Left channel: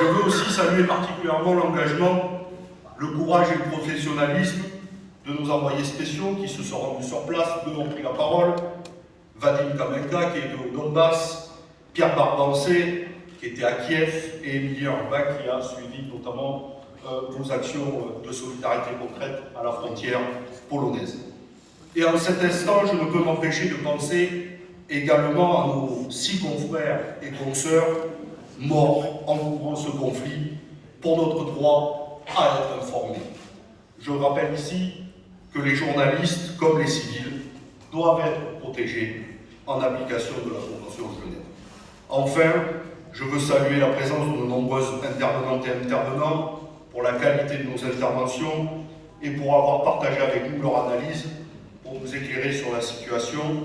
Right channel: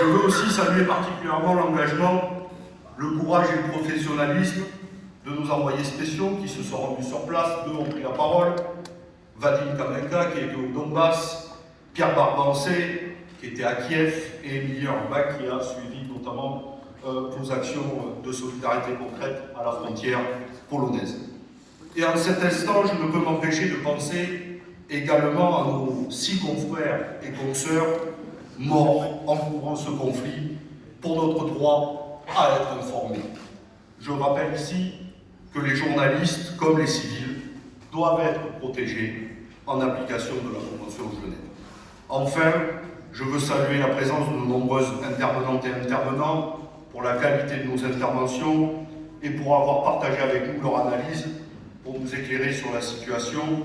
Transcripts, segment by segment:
Je veux aussi saluer particulièrement l'engagement, le courage et le professionnalisme de nos envoyés spéciaux qui se sont rendus sur place. Deux ont pris la parole. Vadim Kamenka qui était au Donbass, Pierre Barbancé qui était à Kiev et Emilie Urbach qui a suivi notamment vos actions de solidarité concrète à la frontière polonaise. Et en cet instant, je ne peux m'empêcher de penser également à nos 6 confrères et consoeurs morts encourant ce conflit pour notre droit à être informés. Je rappelle ici que les journalistes, comme les civils, doivent être protégés en application de la Convention de Genève. Enfin, je veux saluer la présence de nos nombreuses intervenantes et intervenants pour la qualité de nos interventions et pour avoir partagé avec nous leur analyse pour nous éclairer sur la situation.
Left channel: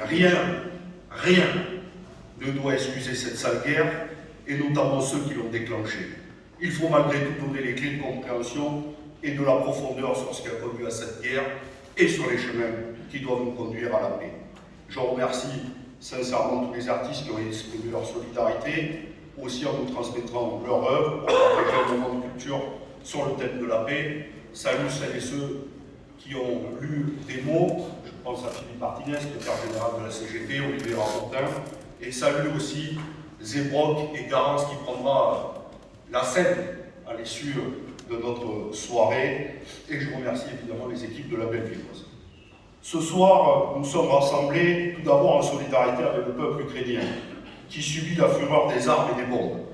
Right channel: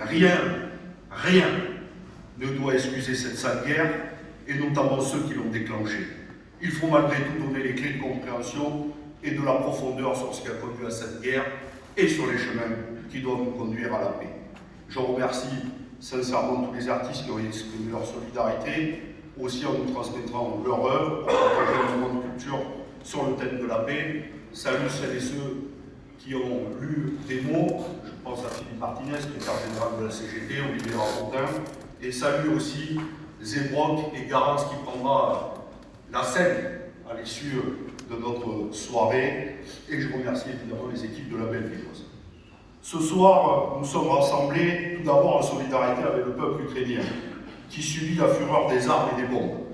Rien ne doit excuser cette sale guerre et notamment ceux qui l'ont déclenchée. Il faut malgré tout donner les clés de compréhension et de la profondeur sur ce qui a conduit à cette guerre et sur les chemins qui doivent nous conduire à la paix. Je remercie sincèrement tous les artistes qui ont exprimé leur solidarité, aussi en nous transmettant leur œuvre pour partager un moment de culture sur le thème de la paix. Salut celles et ceux qui ont lu des mots, je pense à Philippe Martinez, secrétaire général de la CGT, Olivier Rapontin, et salut aussi Zébrock et Garance qui prendra la scène à l'issue de notre soirée, et je remercie évidemment les équipes de la Bellevilloise. Ce soir, nous sommes rassemblés tout d'abord en solidarité avec le peuple ukrainien, qui subit la fureur des armes et des bombes.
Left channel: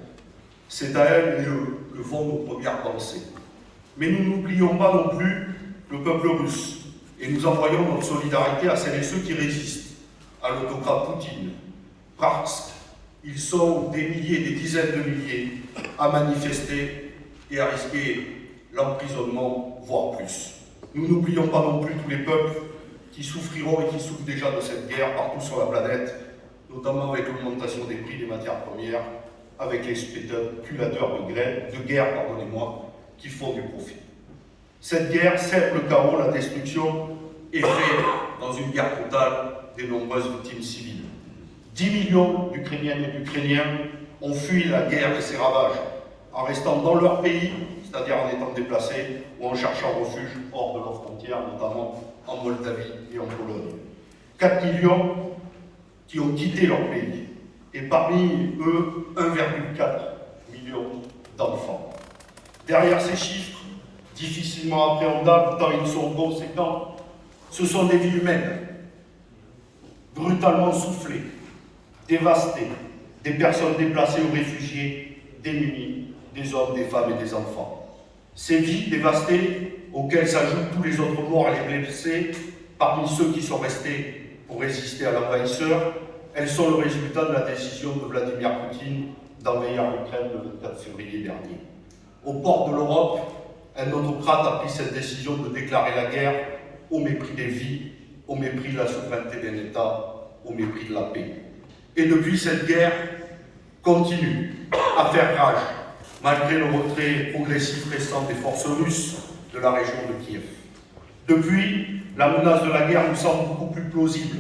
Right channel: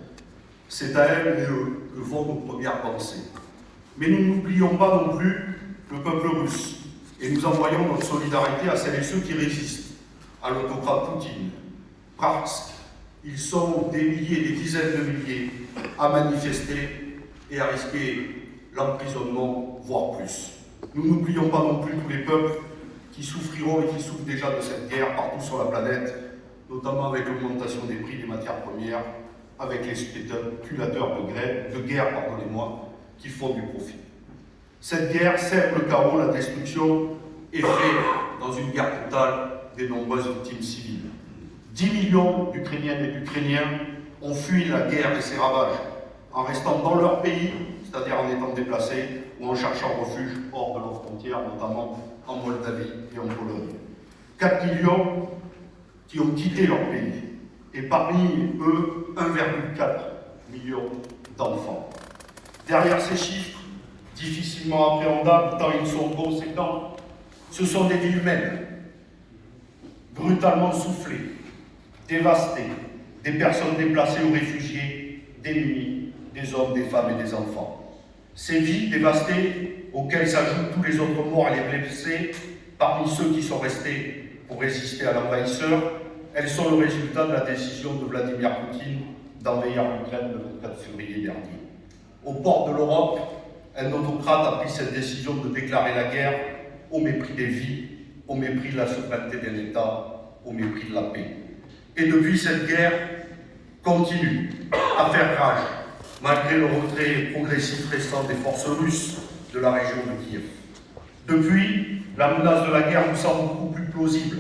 C'est à elle et eux que vont nos premières pensées. Mais nous n'oublions pas non plus le peuple russe, et nous envoyons notre solidarité à celles et ceux qui résistent à l'autocrate Poutine, parce qu'ils sont des milliers, des dizaines de milliers à manifester et à risquer l'emprisonnement, voire plus. Nous n'oublions pas non plus tous les peuples qui souffriront et qui souffrent déjà de cette guerre partout sur la planète, notamment avec l'augmentation des prix des matières premières, avec les spéculateurs de guerre, qui font du profit. Cette guerre sème le chaos, la destruction et fait, dans une guerre totale, des nombreuses victimes civiles. 10 millions d'Ukrainiennes et d'Ukrainiens ont fui la guerre et ses ravages, en restant dans leur pays, c'est-à-dire en étant déplacés ou en cherchant refuge hors de leurs frontières, notamment en Moldavie et en Pologne. 4 millions qui ont quitté leur pays, et parmi eux, 1,4 million d'enfants. Derrière ces chiffres, difficilement appréhendables tant ils sont conséquents, ce sont des vies humaines, brutalement soufflées, dévastées, des personnes déplacées ou réfugiées, démunies, des hommes, des femmes et des enfants. Ces vies dévastées, auxquelles s'ajoutent tous les autres morts et les blessés, parmi ceux qui sont restés pour résister à l'envahisseur, elles sont le résultat de la décision de Vladimir Poutine d'envahir l'Ukraine le 24 février dernier. Aux portes de l'Europe, un autocrate a pris cette décision de déclarer la guerre au mépris des vies, au mépris de la souveraineté d'un État, au mépris de la paix. Et depuis, cette guerre continue à faire rage, malgré le retrait progressif récent des forces russes de la région de Kiev. Depuis, la menace de la guerre nous semble beaucoup plus plausible,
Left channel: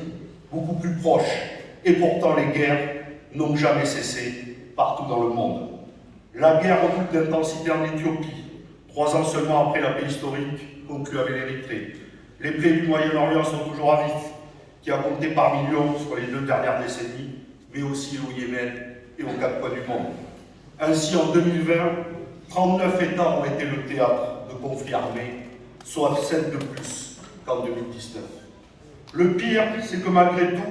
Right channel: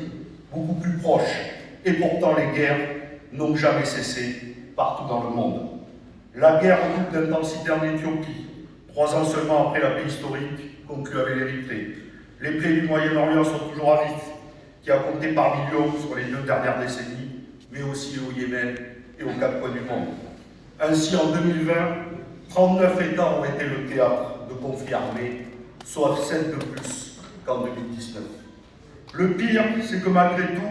beaucoup plus proche, et pourtant les guerres n'ont jamais cessé partout dans le monde. La guerre redouble d'intensité en Éthiopie, 3 ans seulement après la paix historique conclue avec l'Érythrée. Les plaies du Moyen-Orient sont toujours à vif, qui a compté par millions sur les 2 dernières décennies, mais aussi au Yémen et aux 4 coins du monde. Ainsi, en 2020, 39 États ont été le théâtre de conflits armés, soit 7 de plus qu'en 2019. Le pire, c'est que malgré tout,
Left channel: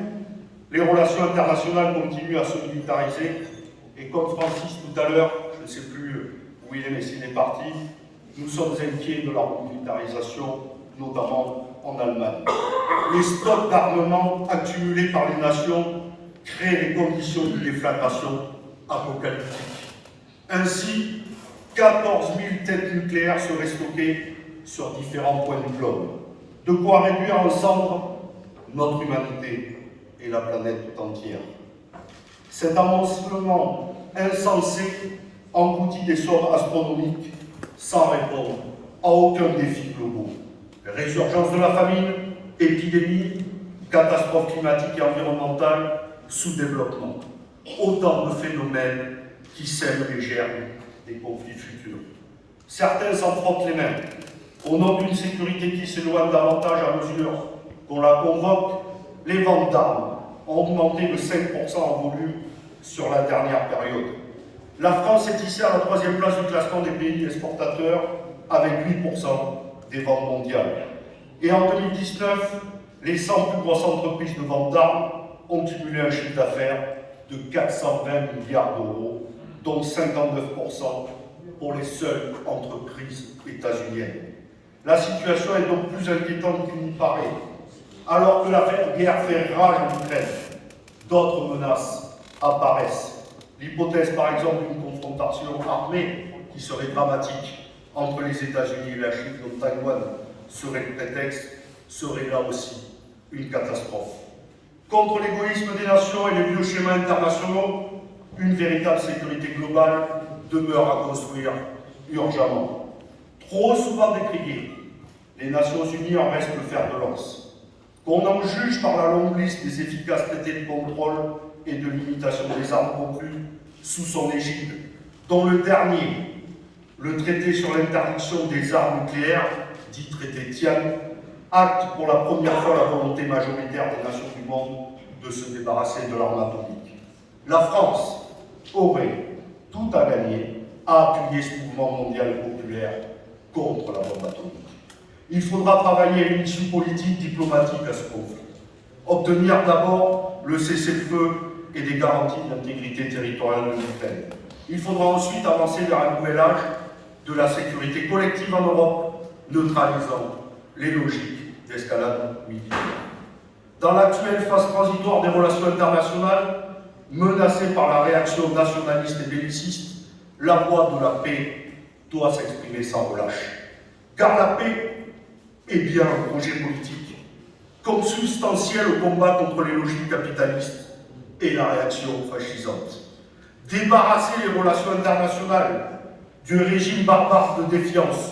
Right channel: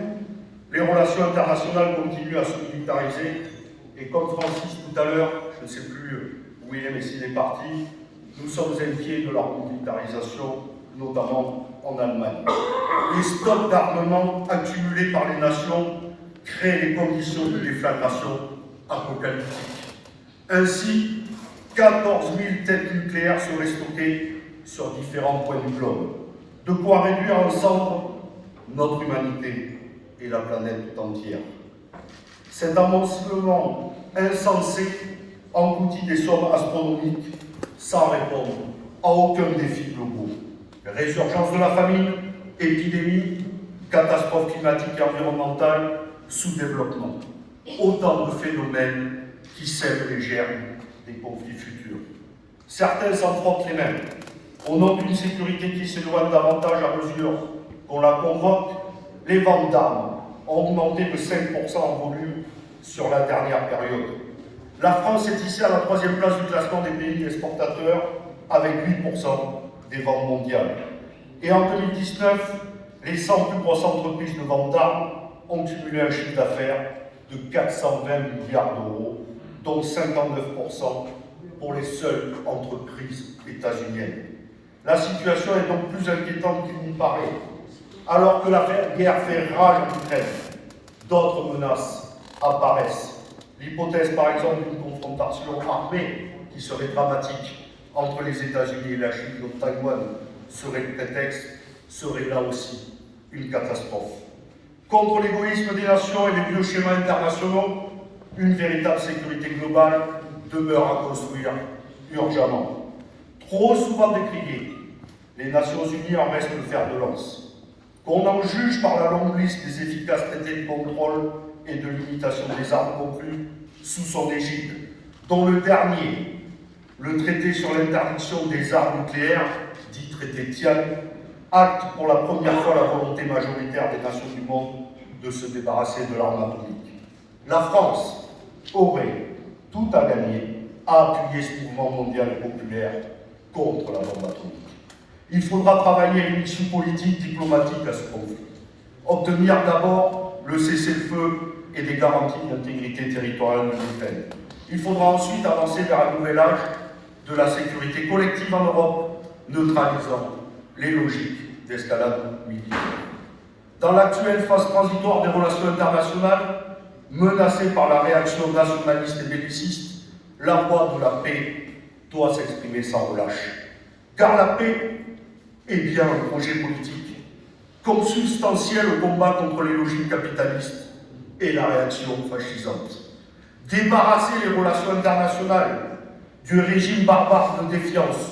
les relations internationales continuent à se militariser, et comme Francis tout à l'heure, je ne sais plus où il est, mais s'il est parti, nous sommes inquiets de leur militarisation, notamment en Allemagne. Les stocks d'armement accumulés par les nations créent les conditions de déflagration apocalyptique. Ainsi, 14 000 têtes nucléaires seraient stockées sur différents points du globe. De quoi réduire en cendres notre humanité et la planète tout entière. Cet amoncellement insensé engloutit des sommes astronomiques sans répondre à aucun défi global. Résurgence de la famine, épidémie, catastrophes climatiques et environnementales, sous-développement. Autant de phénomènes qui sèment les germes des conflits futurs. Certains s'en frottent les mains, au nom d'une sécurité qui s'éloigne davantage à mesure qu'on la convoque. Les ventes d'armes ont augmenté de 5% en volume sur la dernière période. La France est ici à la 3e place du classement des pays exportateurs avec 8% des ventes mondiales. Et en 2019, les 100 plus grosses entreprises de vente d'armes ont cumulé un chiffre d'affaires de 420 milliards d'euros, dont 59% pour les seules entreprises états-uniennes. La situation est donc plus inquiétante qu'il n'y paraît. Alors que la guerre fait rage en Ukraine, d'autres menaces apparaissent. L'hypothèse, par exemple, d'une confrontation armée qui serait dramatique entre les États-Unis et la Chine, dont Taïwan serait le prétexte, serait là aussi une catastrophe. Contre l'égoïsme des nations et les vieux schémas internationaux, une véritable sécurité globale demeure à construire urgemment. Trop souvent décriée, les Nations Unies en restent le fer de lance. Qu'on en juge par la longue liste des efficaces traités de contrôle et de limitation des armes conclus sous son égide, dont le dernier, le traité sur l'interdiction des armes nucléaires, dit traité Tian, acte pour la première fois la volonté majoritaire des nations du monde de se débarrasser de l'arme atomique. La France aurait tout à gagner à appuyer ce mouvement mondial et populaire contre la bombe atomique. Il faudra travailler à une issue politique, diplomatique à ce conflit. Obtenir d'abord le cessez-le-feu et des garanties d'intégrité territoriale de l'Ukraine. Il faudra ensuite avancer vers un nouvel âge de la sécurité collective en Europe, neutralisant les logiques d'escalade militaire. Dans l'actuelle phase transitoire des relations internationales, menacée par la réaction nationaliste et belliciste, la voix de la paix doit s'exprimer sans relâche. Car la paix est bien un projet politique, consubstantiel au combat contre les logiques capitalistes et la réaction fascisante. Débarrasser les relations internationales du régime barbare de défiance,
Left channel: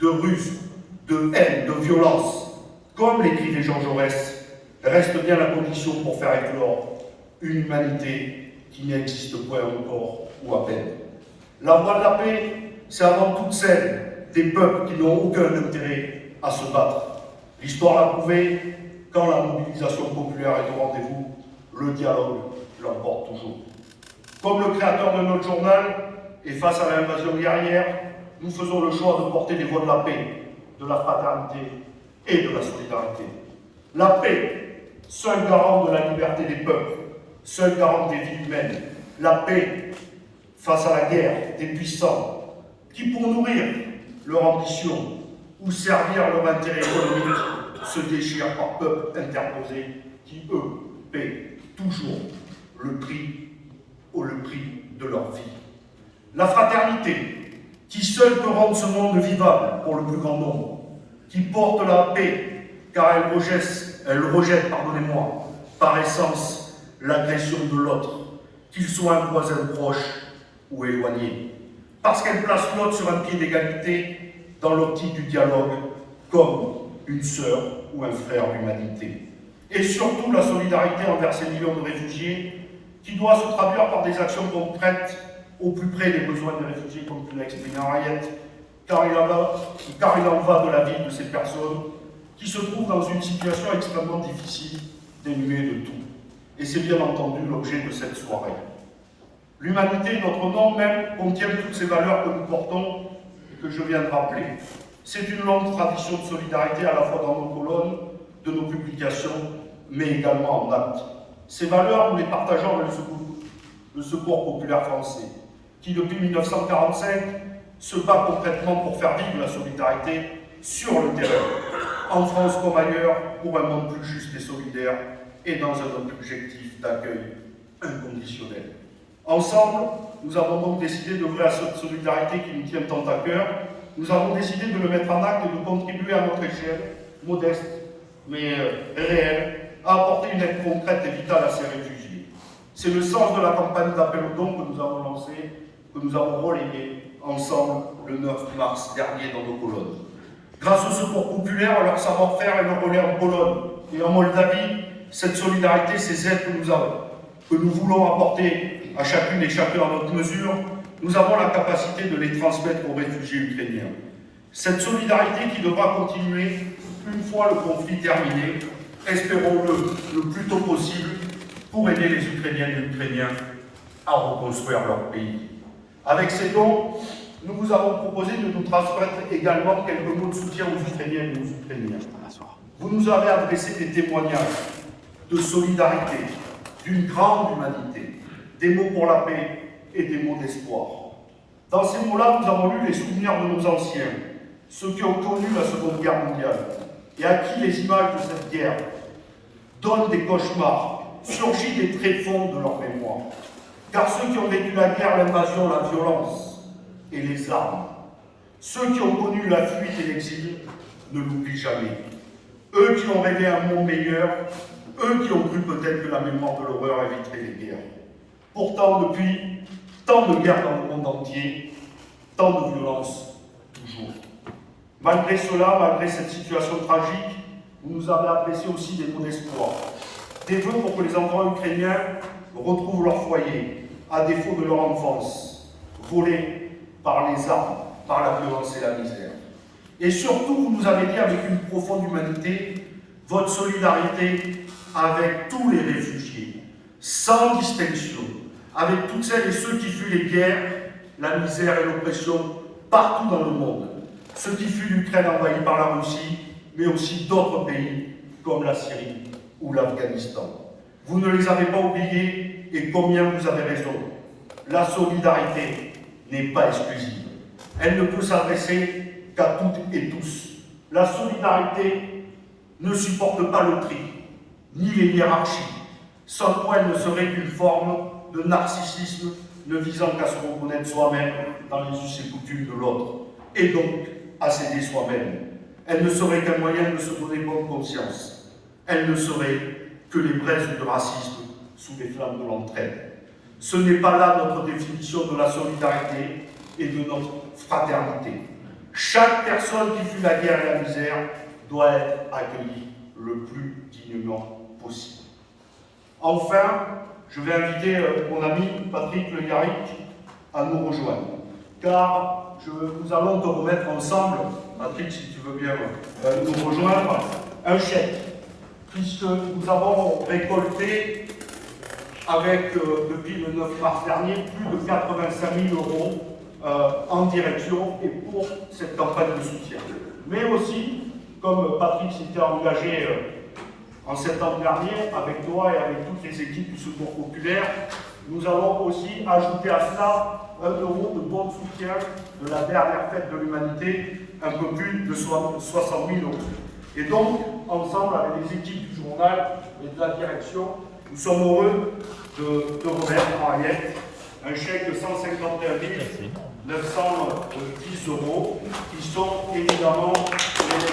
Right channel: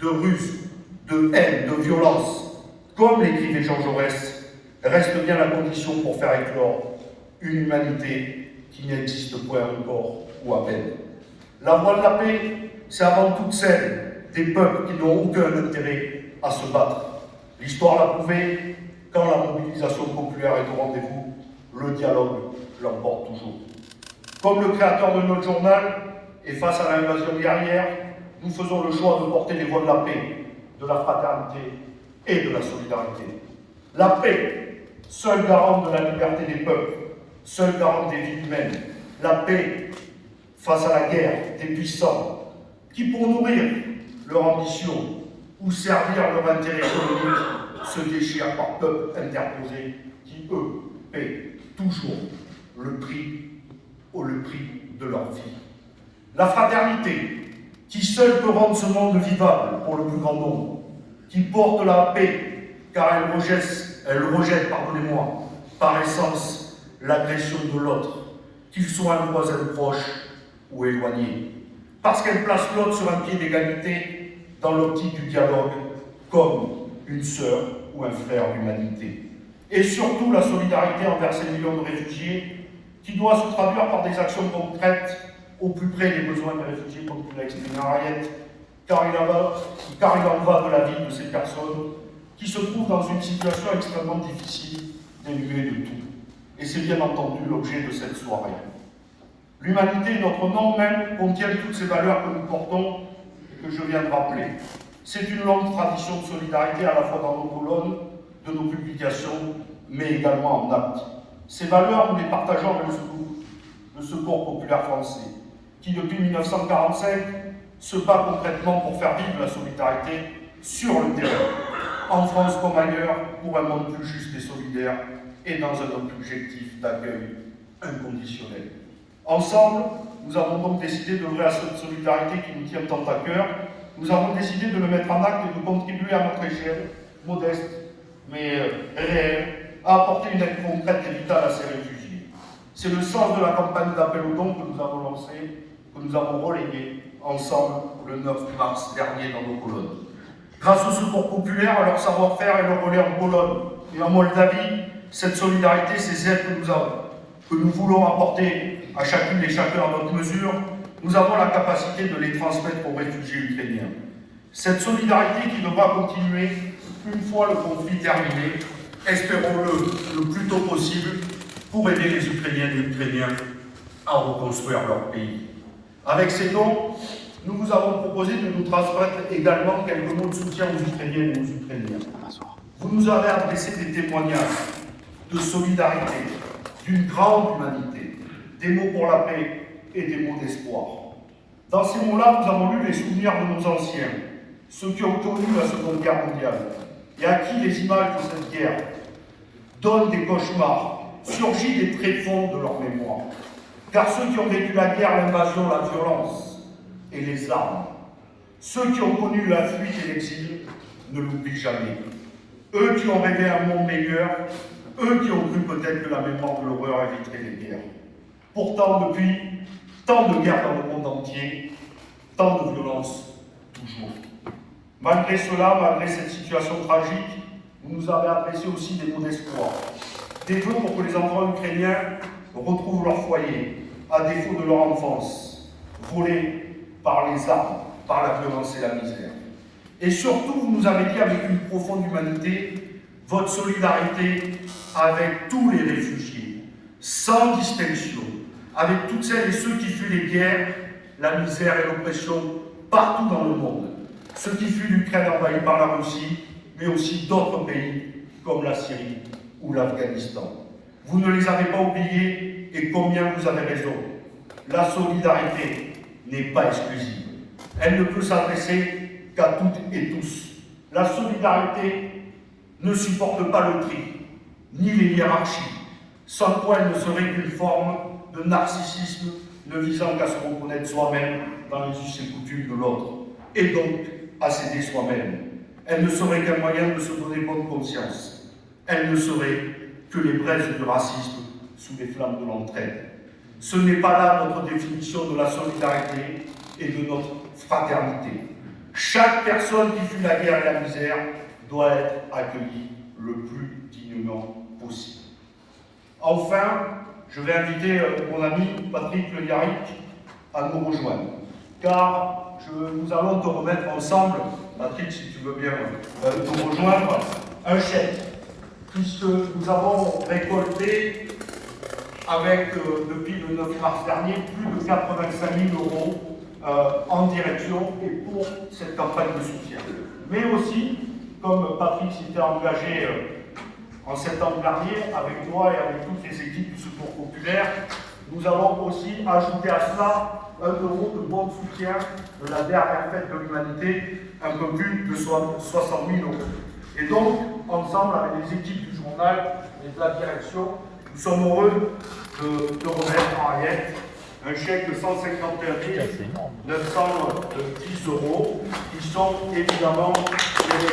de ruse, de haine, de violence, comme l'écrivait Jean Jaurès, reste bien la condition pour faire éclore une humanité qui n'existe point encore ou à peine. La voie de la paix, c'est avant toute celle des peuples qui n'ont aucun intérêt à se battre. L'histoire l'a prouvé, quand la mobilisation populaire est au rendez-vous, le dialogue l'emporte toujours. Comme le créateur de notre journal, et face à l'invasion guerrière, nous faisons le choix de porter les voix de la paix, de la fraternité et de la solidarité. La paix, seule garante de la liberté des peuples, seule garante des vies humaines. La paix face à la guerre des puissants, qui pour nourrir leur ambition ou servir leur intérêt économique se déchirent par peuples interposés qui, eux, paient toujours le prix de leur vie. La fraternité, qui seule peut rendre ce monde vivable pour le plus grand nombre, qui porte la paix, car elle rejette, par essence, l'agression de l'autre, qu'il soit un voisin proche ou éloigné, parce qu'elle place l'autre sur un pied d'égalité dans l'optique du dialogue comme une sœur ou un frère d'humanité. Et surtout la solidarité envers ces millions de réfugiés qui doit se traduire par des actions concrètes au plus près des besoins des réfugiés, comme tu l'as exprimé Henriette, car il en va de la vie de ces personnes qui se trouvent dans une situation extrêmement difficile, dénuée de tout. Et c'est bien entendu l'objet de cette soirée. L'humanité, notre nom même, contient toutes ces valeurs que nous portons, que je viens de rappeler. C'est une longue tradition de solidarité à la fois dans nos colonnes, de nos publications, mais également en actes. Ces valeurs, nous les partageons avec le Secours populaire français, qui depuis 1945 se bat concrètement pour faire vivre la solidarité sur le terrain, en France comme ailleurs, pour un monde plus juste et solidaire, et dans un objectif d'accueil inconditionnel. Ensemble, nous avons donc décidé d'œuvrer à cette solidarité qui nous tient tant à cœur. Nous avons décidé de le mettre en acte et de contribuer à notre échelle, modeste mais réelle, à apporter une aide concrète et vitale à ces réfugiés. C'est le sens de la campagne d'appel aux dons que nous avons lancée, que nous avons relayée ensemble le 9 mars dernier dans nos colonnes. Grâce au Secours populaire, à leur savoir-faire et leur relais en Pologne et en Moldavie, cette solidarité, ces aides que nous voulons apporter à chacune et chacun à notre mesure, nous avons la capacité de les transmettre aux réfugiés ukrainiens. Cette solidarité qui devra continuer une fois le conflit terminé, espérons-le le plus tôt possible, pour aider les Ukrainiennes et Ukrainiens à reconstruire leur pays. Avec ces dons, nous vous avons proposé de nous transmettre également quelques mots de soutien aux Ukrainiennes et aux Ukrainiens. Vous nous avez adressé des témoignages de solidarité, d'une grande humanité, des mots pour la paix et des mots d'espoir. Dans ces mots-là, nous avons lu les souvenirs de nos anciens, ceux qui ont connu la Seconde Guerre mondiale, et à qui les images de cette guerre donnent des cauchemars, surgissent des tréfonds de leur mémoire. Car ceux qui ont vécu la guerre, l'invasion, la violence et les armes, ceux qui ont connu la fuite et l'exil, ne l'oublient jamais. Eux qui ont rêvé un monde meilleur, eux qui ont cru peut-être que la mémoire de l'horreur éviterait les guerres. Pourtant, depuis, tant de guerres dans le monde entier, tant de violences toujours. Malgré cela, malgré cette situation tragique, vous nous avez adressé aussi des mots d'espoir. Des vœux pour que les enfants ukrainiens retrouvent leur foyer, à défaut de leur enfance, volée par les armes, par la violence et la misère. Et surtout, vous nous avez dit avec une profonde humanité, votre solidarité avec tous les réfugiés, sans distinction, avec toutes celles et ceux qui fuient les guerres, la misère et l'oppression partout dans le monde, ceux qui fuient l'Ukraine envahie par la Russie, mais aussi d'autres pays comme la Syrie ou l'Afghanistan. Vous ne les avez pas oubliés et combien vous avez raison. La solidarité n'est pas exclusive. Elle ne peut s'adresser qu'à toutes et tous. La solidarité ne supporte pas le tri, ni les hiérarchies, sans quoi elle ne serait qu'une forme de narcissisme ne visant qu'à se reconnaître soi-même dans les us et coutumes de l'autre, et donc à s'aider soi-même. Elle ne serait qu'un moyen de se donner bonne conscience. Elle ne serait que les braises du racisme sous les flammes de l'entraide. Ce n'est pas là notre définition de la solidarité et de notre fraternité. Chaque personne qui fuit la guerre et la misère doit être accueillie le plus dignement possible. Enfin, je vais inviter mon ami Patrick Le Yarrick à nous rejoindre, car nous allons te remettre ensemble, Patrick, si tu veux bien nous rejoindre, un chèque, puisque nous avons récolté, depuis le 9 mars dernier, plus de 85 000 euros en direction et pour cette campagne de soutien. Mais aussi, comme Patrick s'était engagé en septembre dernier, avec toi et avec toutes les équipes du Secours populaire, nous allons aussi ajouter à cela 1 euro de bon soutien de la dernière fête de l'humanité, un peu plus de 60 000 euros. Et donc, ensemble avec les équipes du journal et de la direction, nous sommes heureux de remettre en Hayek un chèque de 151 910 euros, qui sont évidemment les